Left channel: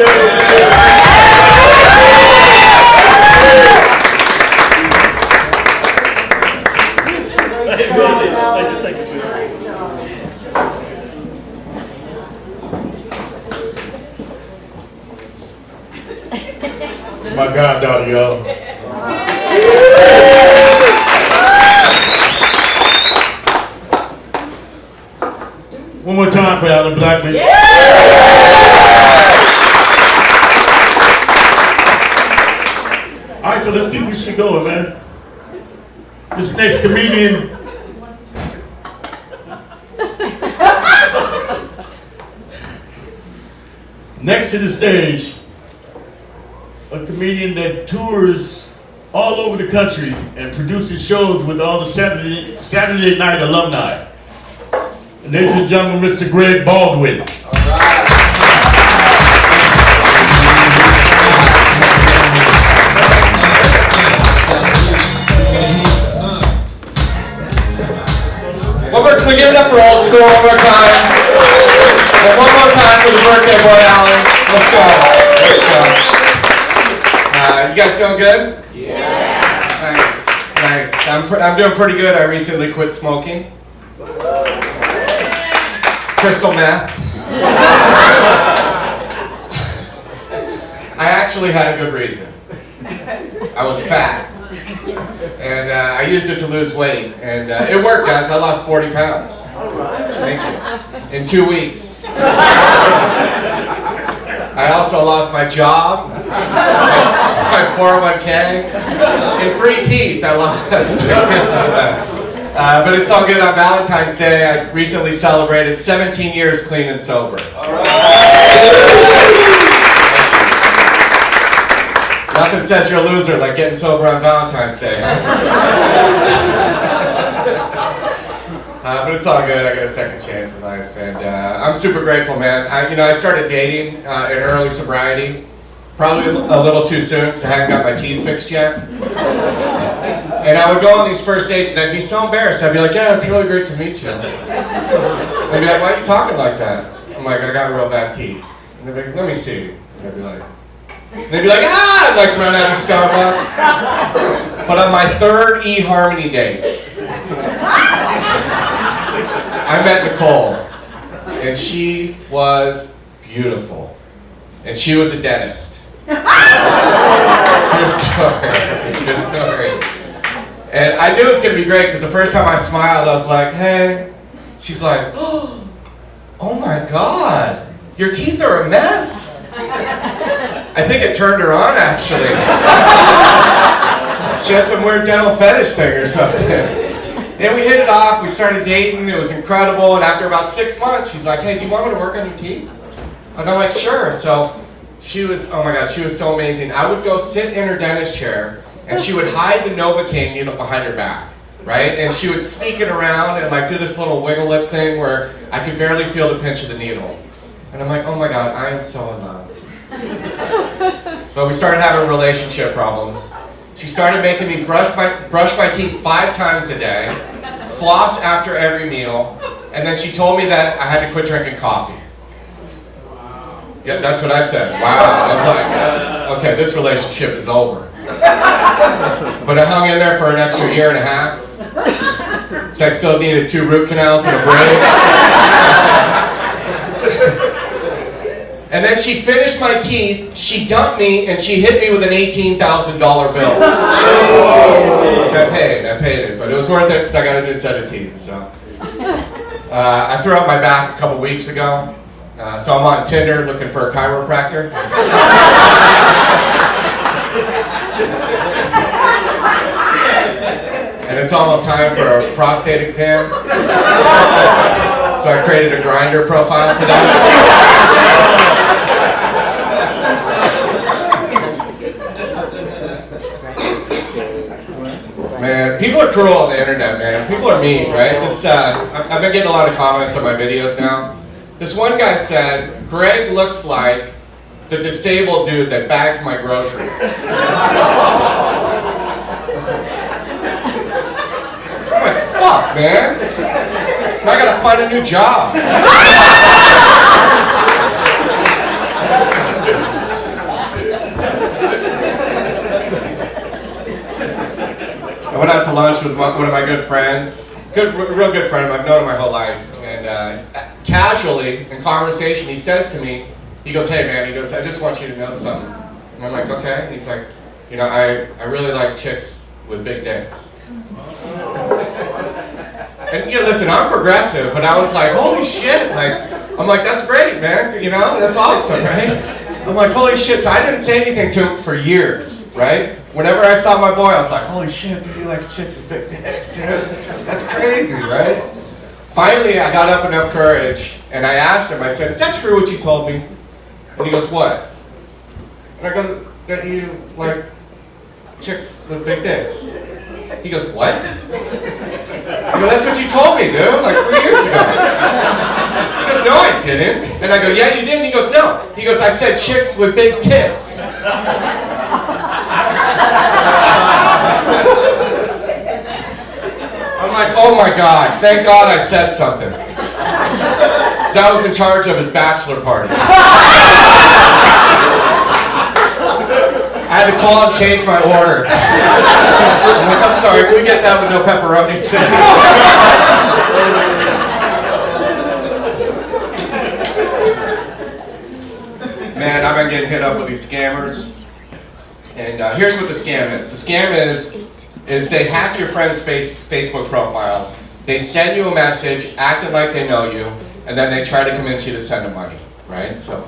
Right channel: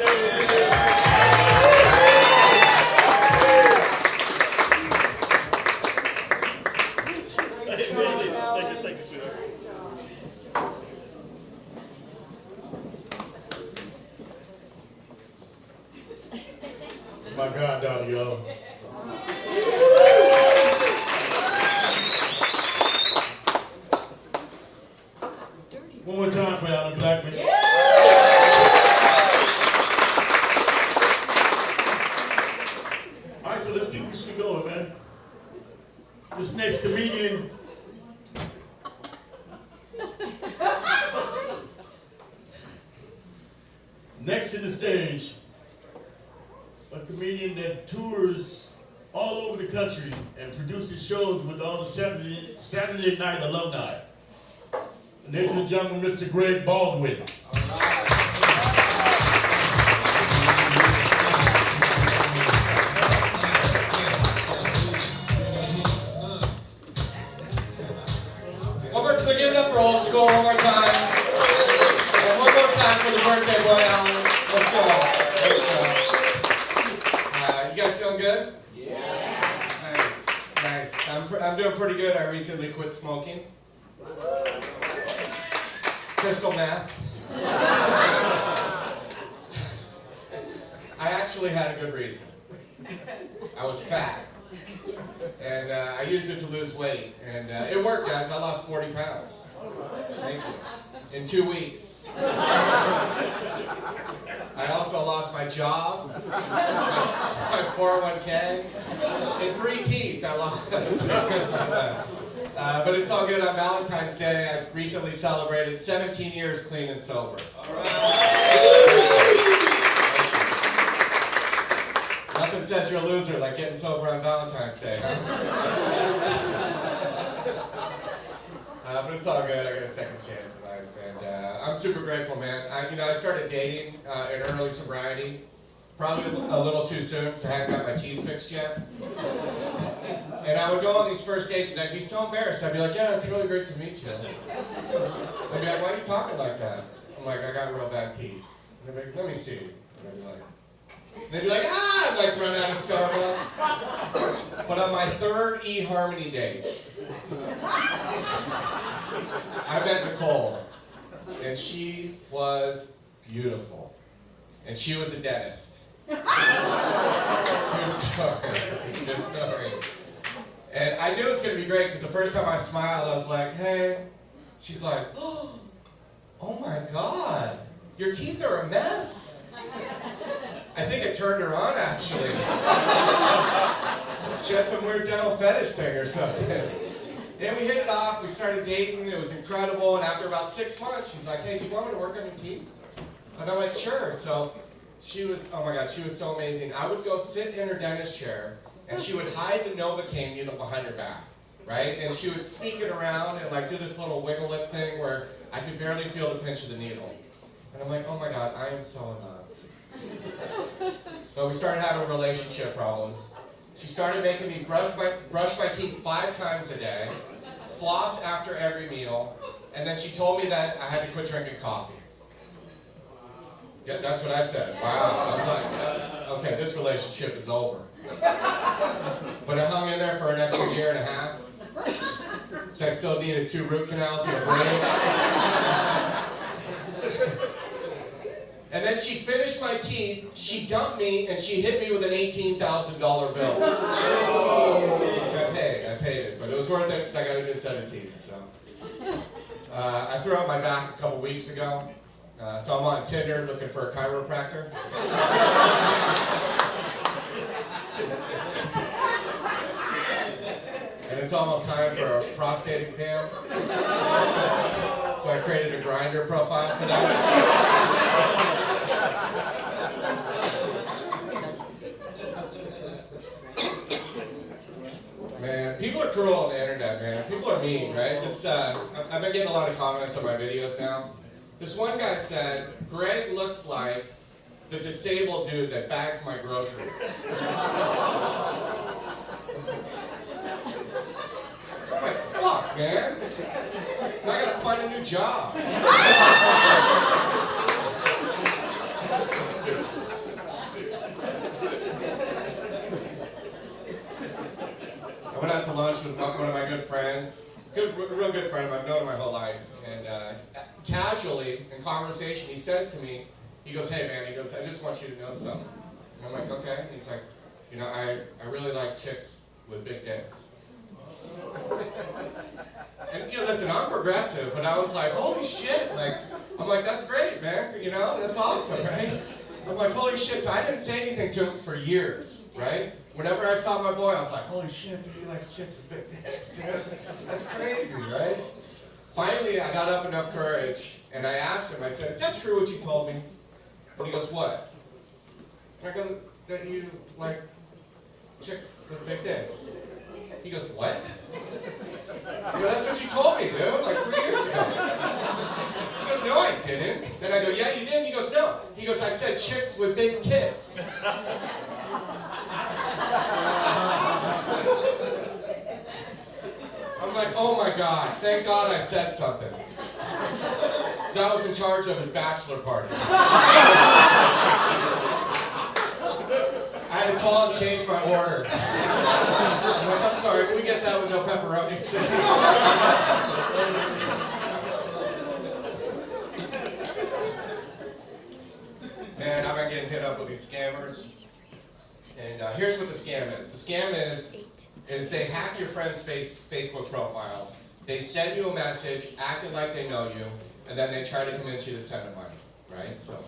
It's my goddaughter, y'all. One more time for Alan Blackman. All right, so let's keep this shit going, man. This next comedian. Next to the stage, a comedian that tours all over the country and produces shows with all the Saturday night alumni. Ladies and gentlemen, Mr. Greg Baldwin. Can we give it up for old school one more time? And one more time for the birthday boy, Alan. Let's go. You guys doing good? Yeah. Nice. I'm doing pretty good. I recently quit smoking. Crystal meth. I actually had a good reason. I was fat. And I used it to lose weight, and it worked, guys. I lost 40 pounds. Thank you. In 2 weeks. I also lost my job, my 401k, and 3 teeth I lost. But it's all good. On Valentine's Day, I recently celebrated 17 years clean and sober. Nothing says you're a loser like getting sober on Valentine's Day, huh? But it's all good. I got a second chance in life, and I'm super grateful, man. I started dating in early sobriety, probably a little too soon because I hadn't got my teeth fixed yet. And I would go on these first dates, and I'd be so embarrassed. I'd be like, "Yeah, it's really great to meet you." They'd be like, "Why are you talking like that?" I'm like, "I got real bad teeth." And they'd be like, "Let me see." And I'd be like. They'd be like, I'd like run out of Starbucks. But on my third eHarmony date, I met Nicole, and she was beautiful, and she was a dentist. True story. It's a true story. And I knew it was gonna be great because the first time I smiled, I was like, "Hey." She's like, "Oh my God, your teeth are a mess." I think it turned her on, actually. She had some weird dental fetish thing or something. And we hit it off, we started dating, it was incredible, and after about 6 months, she's like, "Hey, do you want me to work on your teeth?" And I'm like, "Sure." So she was, oh my God, she was so amazing. I would go sit in her dentist chair, and she would hide the Novocaine needle behind her back, right? And she would sneak it around and like do this little wiggle lip thing where I could barely feel the pinch of the needle. And I'm like, oh my God, I am so in love. But we started having relationship problems. She started making me brush my teeth 5 times a day, floss after every meal, and then she told me that I had to quit drinking coffee. Yeah, that's what I said. Wow. I was like, okay, this relationship is over. But I hung in there for an extra 1.5 years. So I still needed 2 root canals and a bridge. And then she finished my teeth, she dumped me, and she hit me with an $18,000 bill. Which I paid it, but it was worth it because I got a new set of teeth, so. I threw out my back a couple weeks ago, so I'm on Tinder looking for a chiropractor. And it's almost time for a prostate exam. So I created a Grindr profile for that. Man, people are cruel on the internet, man. People are mean, right? I've been getting a lot of comments on my videos now. This one guy said, "Greg looks like the disabled dude that bags my groceries." I'm like, fuck, man. I gotta find a new job. lunch with one of my good friends. Real good friend. I've known him my whole life. And casually, in conversation, he says to me, he goes, "Hey man," he goes, "I just want you to know something." And I'm like, "Okay." And he's like, "You know, I really like chicks with big dicks." And you know, listen, I'm progressive, but I was like, holy shit, I'm like, that's great, man, you know, that's awesome, right? I'm like, holy shit, so I didn't say anything to him for years, right? Whenever I saw my boy, I was like, holy shit, dude, he likes chicks with big dicks, dude. That's crazy, right? Finally, I got up enough courage, and I asked him, I said, "Is that true what you told me?" And he goes, "What?" And I go, "That you like chicks with big dicks." He goes, "What?" I go, "That's what you told me, dude, like 3 years ago." He goes, "No, I didn't." And I go, "Yeah, you did." And he goes, "No." He goes, "I said chicks with big tits." I'm like, oh my God, thank God I said something. So I was in charge of his bachelor party. I had to call and change my order. I'm like, "I'm sorry, can we get that with no pepperoni, please?" Man, I've been getting hit up with these scammers. And here's what the scam is. The scam is they hack your friends' Facebook profiles. They send you a message acting like they know you, and then they try to convince you to send them money, right? So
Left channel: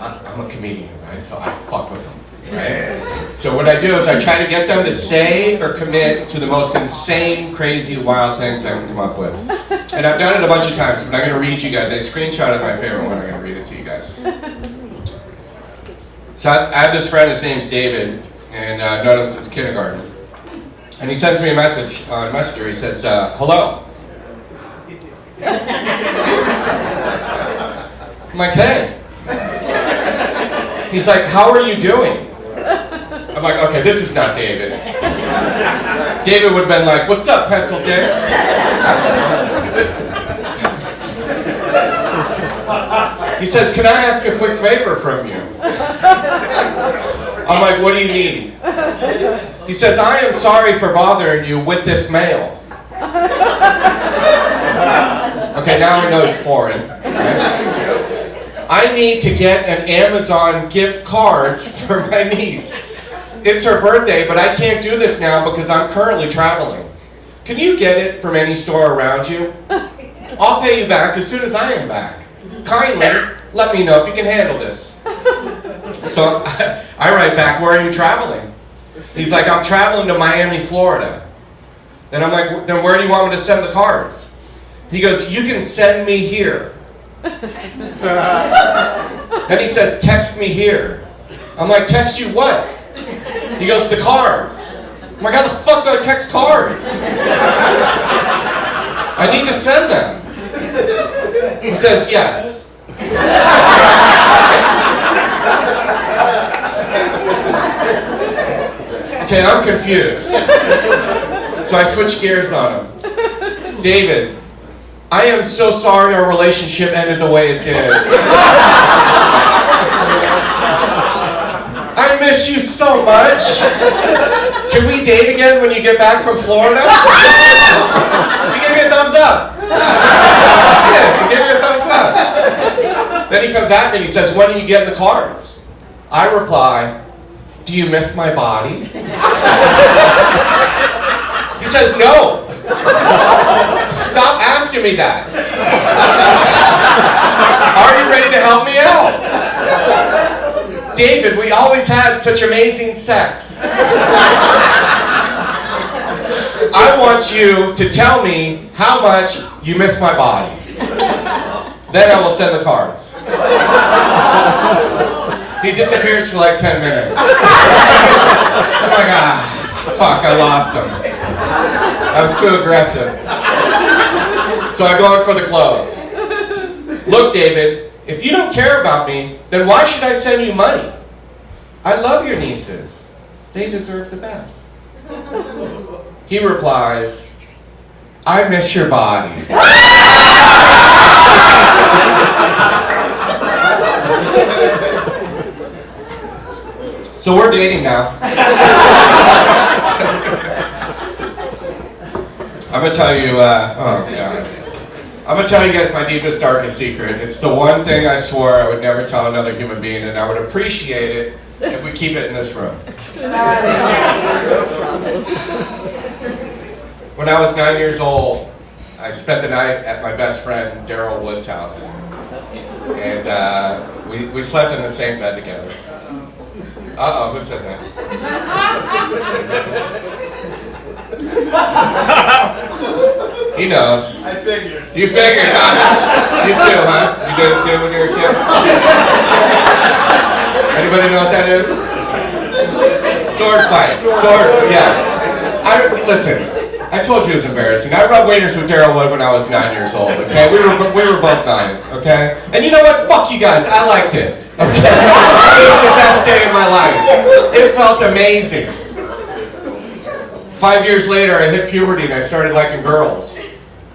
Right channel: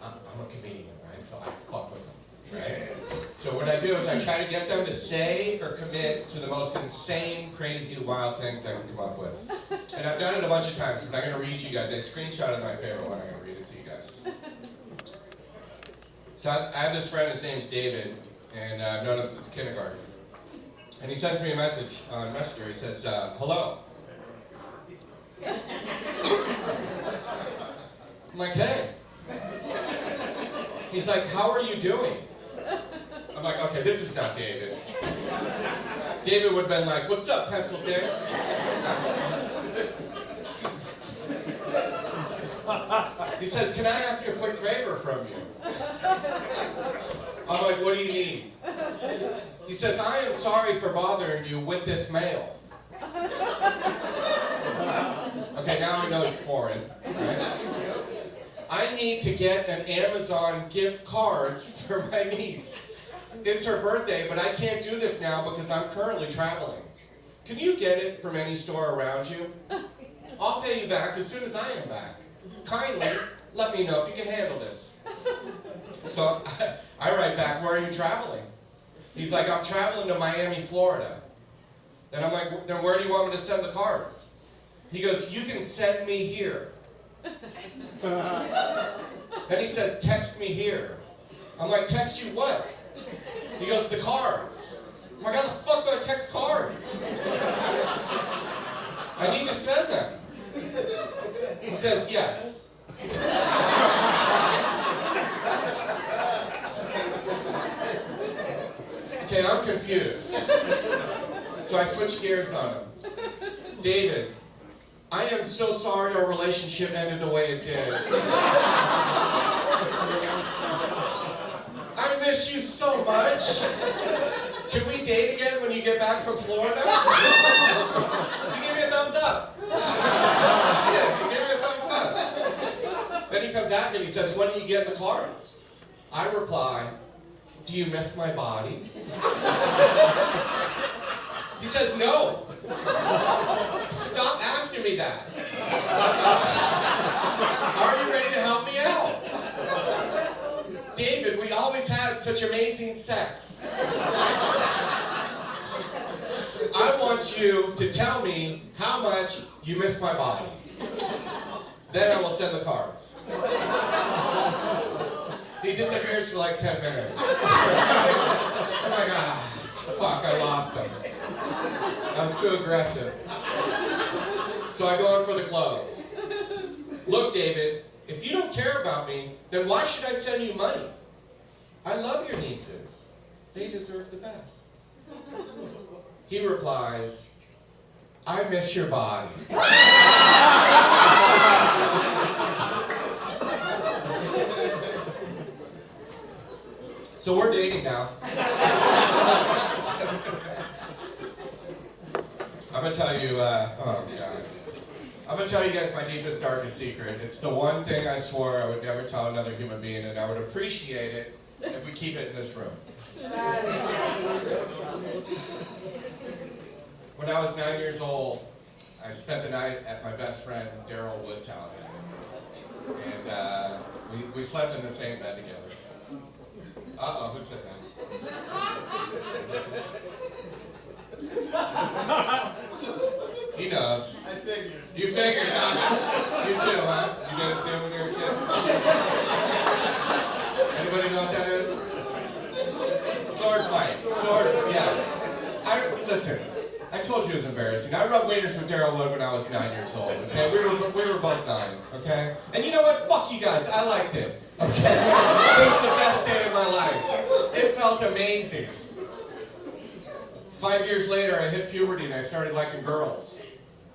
I'm a comedian, right? So I fuck with them. Right? So what I do is I try to get them to say or commit to the most insane, crazy, wild things I can come up with. And I've done it a bunch of times, but I'm going to read you guys. I screenshotted my favorite one. I'm going to read it to you guys. So I have this friend, his name's David, and I've known him since kindergarten. And he sends me a message on Messenger. He says, "Hello." I'm like, "Hey." He's like, "How are you doing?" I'm like, okay, this is not David. David would have been like, "What's up, pencil dick?" He says, "Can I ask a quick favor from you?" I'm like, "What do you need?" He says, "I am sorry for bothering you with this mail." Okay, now I know it's foreign. Right? I need to get an Amazon gift cards for my niece. It's her birthday, but I can't do this now because I'm currently traveling. Can you get it from any store around you? I'll pay you back as soon as I am back. Kindly let me know if you can handle this. So I write back, "Where are you traveling?" He's like, "I'm traveling to Miami, Florida." Then I'm like, "Then where do you want me to send the cards?" He goes, "You can send me here." Then he says, "Text me here." I'm like, "Text you what?" He goes, "The cards." I'm like, "How the fuck do I text cards? I need to send them." He says, "Yes." Okay, I'm confused. So I switch gears on him. "David, I am so sorry our relationship ended the way it did. I miss you so much. Can we date again when you get back from Florida?" He gave me a thumbs up. Yeah, he gave me a thumbs up. Then he comes at me and he says, "When are you getting the cards?" I reply, "Do you miss my body?" He says, "No. Stop asking me that. Are you ready to help me out? David, we always had such amazing sex. I want you to tell me how much you miss my body. Then I will send the cards." He disappears for like 10 minutes. I'm like, fuck, I lost him. I was too aggressive. So I go in for the close. "Look, David, if you don't care about me, then why should I send you money? I love your nieces. They deserve the best." He replies, "I miss your body." So we're dating now. I'm gonna tell you, oh God. I'm gonna tell you guys my deepest, darkest secret. It's the one thing I swore I would never tell another human being, and I would appreciate it if we keep it in this room. When I was 9 years old, I spent the night at my best friend Daryl Wood's house. And we slept in the same bed together. Uh-oh, who said that? He knows. I figured. You figured, huh? You too, huh? You did it too when you were a kid? Anybody know what that is? Sword fight. Yes. Listen, I told you it was embarrassing. I rubbed wieners with Daryl Wood when I was 9 years old, okay? We were both 9, okay? And you know what? Fuck you guys. I liked it. Okay? It was the best day of my life. It felt amazing. 5 years later, I hit puberty and I started liking girls.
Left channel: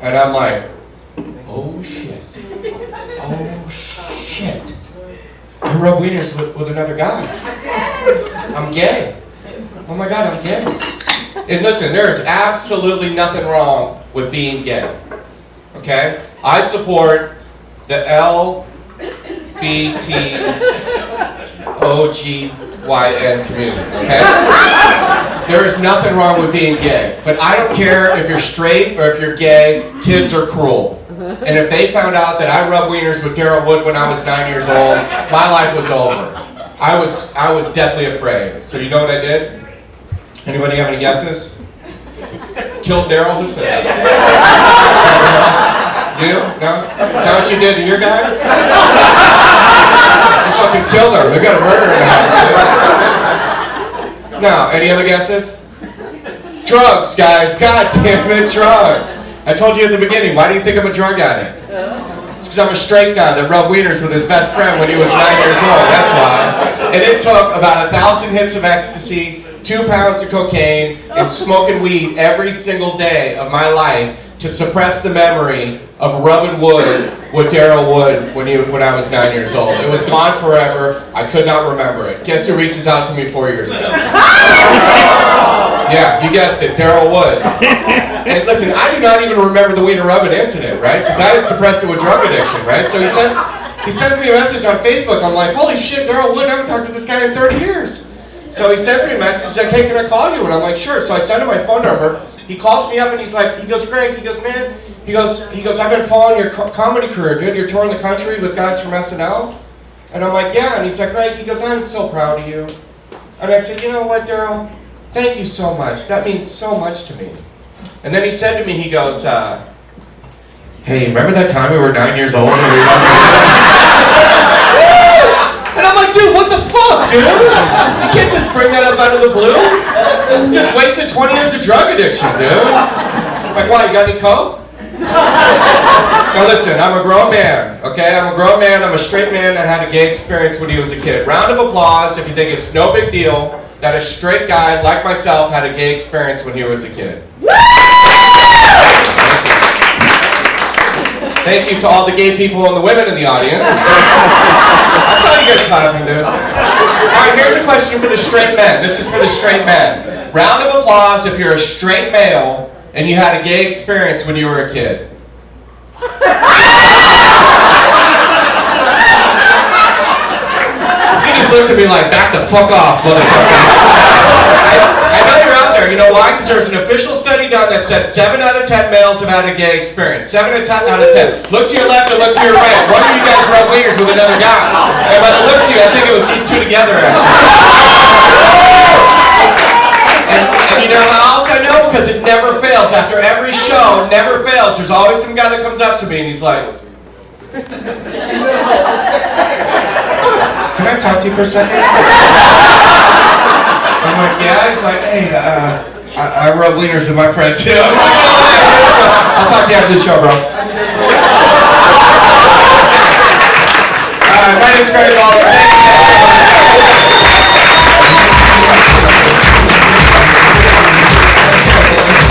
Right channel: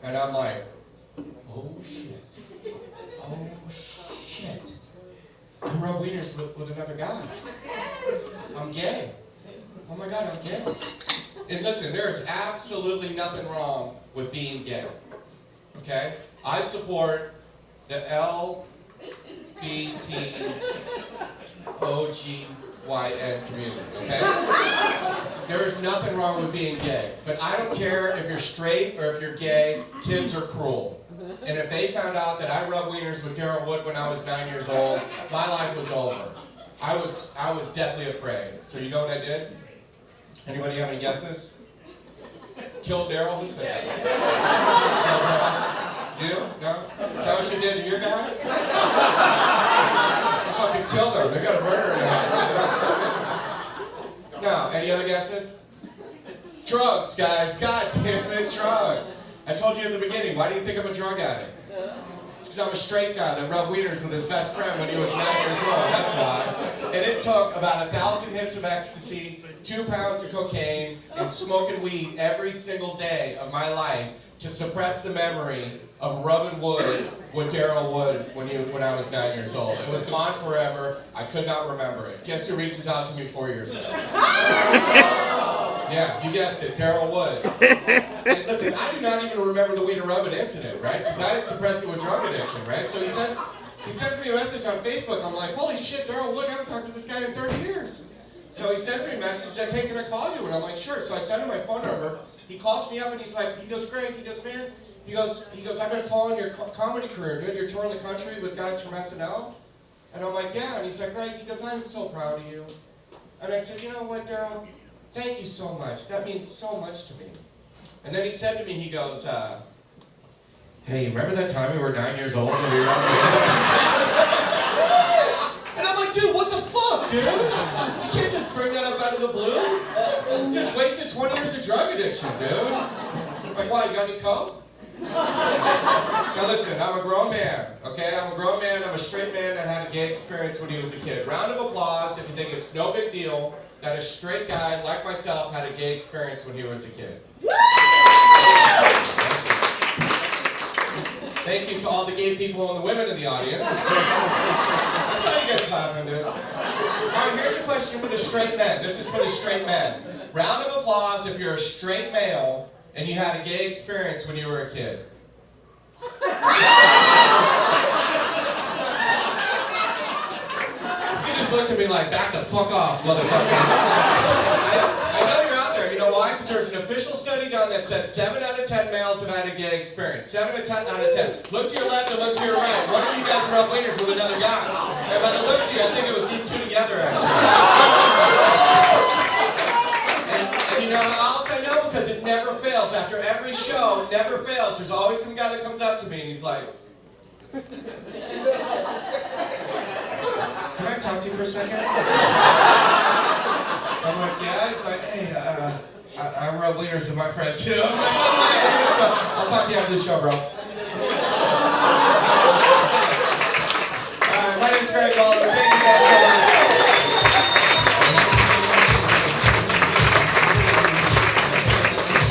And I'm like, oh shit. Oh shit. I rub wieners with another guy. I'm gay. Oh my God, I'm gay. And listen, there is absolutely nothing wrong with being gay. Okay? I support the LBTOGYN community. Okay? There is nothing wrong with being gay. But I don't care if you're straight or if you're gay, kids are cruel. And if they found out that I rubbed wieners with Daryl Wood when I was 9 years old, my life was over. I was deathly afraid. So you know what I did? Anybody have any guesses? Killed Daryl? Who said that? You? No? Is that what you did to your guy? You fucking killed her. We got a murder in the house. No. Any other guesses? Drugs, guys. God damn it, drugs. I told you at the beginning, why do you think I'm a drug addict? It's because I'm a straight guy that rubbed wieners with his best friend when he was 9 years old. That's why. And it took about 1,000 hits of ecstasy, 2 pounds of cocaine, and smoking weed every single day of my life to suppress the memory of rubbing wood with Daryl Wood when I was 9 years old. It was gone forever. I could not remember it. Guess who reaches out to me 4 years ago? Yeah, you guessed it, Daryl Wood. And listen, I do not even remember the wiener rubbing incident, right? Because I had suppressed it with drug addiction, right? So he sends me a message on Facebook. I'm like, holy shit, Daryl Wood, I haven't talked to this guy in 30 years. So he sends me a message, he's like, hey, can I call you? And I'm like, sure. So I send him my phone number. He calls me up and he goes, Greg, man, I've been following your comedy career, dude. You're touring the country with guys from SNL. And I'm like, yeah. And he's like, Greg, I'm so proud of you. And I said, you know what, Daryl? Thank you so much. That means so much to me. And then he said to me, he goes, hey, remember that time we were 9 years old and we were And I'm like, dude, what the fuck, dude? You can't just bring that up out of the blue. Just wasted 20 years of drug addiction, dude. Like, why, you got any coke? Now listen, I'm a grown man, okay? I'm a grown man, I'm a straight man that had a gay experience when he was a kid. Round of applause if you think it's no big deal that a straight guy like myself had a gay experience when he was a kid. Thank you to all the gay people and the women in the audience. I saw you guys clapping, dude. Alright, here's a question for the straight men. This is for the straight men. Round of applause if you're a straight male and you had a gay experience when you were a kid. You just looked at me like, back the fuck off, motherfucker. I know you're out there. You know why? Because there's an official study done that said 7 out of 10 males have had a gay experience. 7 out of 10. Look to your left and look to your right. One of you guys rub wieners with another guy. And by the looks of you, I think it was these two together, actually. And you know how else I know? Because it never fails. After every show, never fails. There's always some guy that comes up to me and he's like, can I talk to you for a second? I'm like, yeah. He's like, hey, I rub wieners with my friend too. I'm like, I'll talk to you after the show, bro.